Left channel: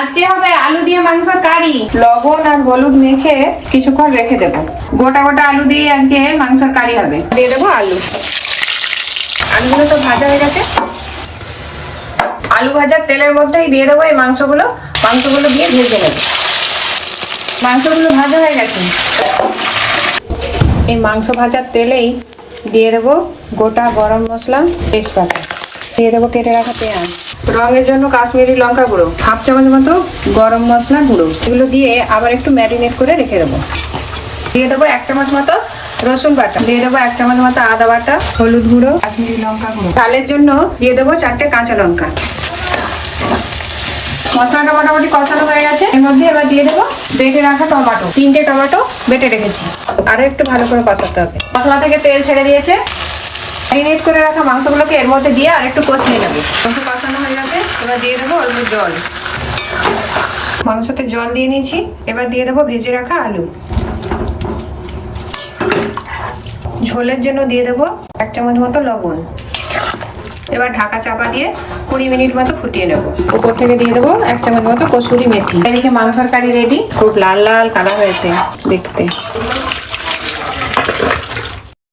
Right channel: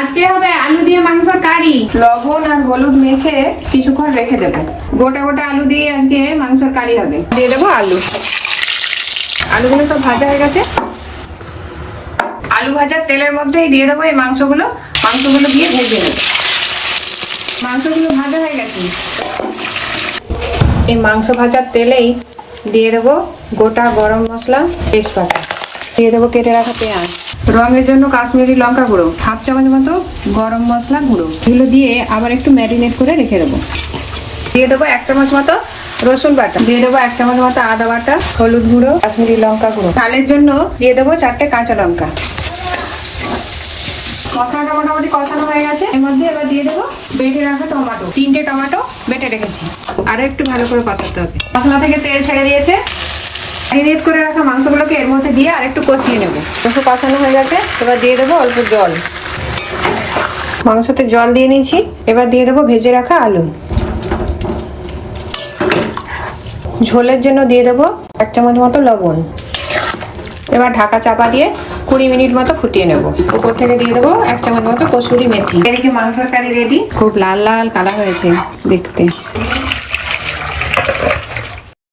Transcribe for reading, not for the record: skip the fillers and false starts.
আজকে হবে আলু দিয়ে মাংসের কারি। লবণ আর হলুদ মেখে কিছুক্ষণ রেখে দেবো। গোটা গোটা আলু দিয়ে আজকে মাংসের কারি হবে। দিয়ে দেবো আলু। আলুগুলো তো ভাজা হয়ে গেছে। আলু ভাজার তেলের মধ্যেই দিয়ে দেবো এই মাংসগুলো দিয়ে ভেজে নেবো। মাংসগুলো ভাজা হয়ে গেছে। এই মাংস ভাজার তেলেই দিয়ে দেবো গোটা গরম মশলা, তেজপাতা, দিয়ে দেবো কেটে রাখা পেঁয়াজ, রঙের জন্য কাশ্মীরি লঙ্কা গুঁড়ো, হাফ চামচ মতো গরম মশলা গুঁড়ো। এগুলো দিয়ে আবার একটু ম্যারিনেট করে রেখে দেবো। দিয়ে দেবো 1 চামচ মতো রসুন বাটা, দিয়ে দেবো 1 চামচ মতো আদা বাটা, হলুদ গুঁড়ো, কাশ্মীরি লঙ্কা গুঁড়ো। ঝালের জন্য দিয়ে দেবো 4টে কাঁচা লঙ্কা। মশলাটা মোটামুটি কষানো হয়ে গেছে। এর মধ্যে এবার দিয়ে দেবো বেটে রাখা টমেটো, 3টে টমেটো বেটে রেখেছি। আরো একটু ভালো করে কষাতে হবে। মশলা থেকে তেল ছেড়ে দিয়েছে। ম্যারিনেট করে রাখা মাংসগুলোকে এর মধ্যে দিয়ে আর একটু কষিয়ে নেবো। একটু কষানো হয়ে গেছে। এবার দিয়ে দেবো অল্প জল। মাংসতে জল দিয়ে নিয়েছি। এবার দিয়ে দেবো ভেজে রাখা আলু। ঝোলের জন্য দিয়ে দেবো 1 চামচ মতো লবণ। এবার ঢাকা চাপা দিয়ে 20 মিনিট মতো ফুটিয়ে নেবো। উপর থেকে দিয়ে দেবো 1 চামচ মতো কসুরি মেথি। এদিকে মাংসের কারি রেডি। খুব লাল লাল কালার হয়েছে দেখতে।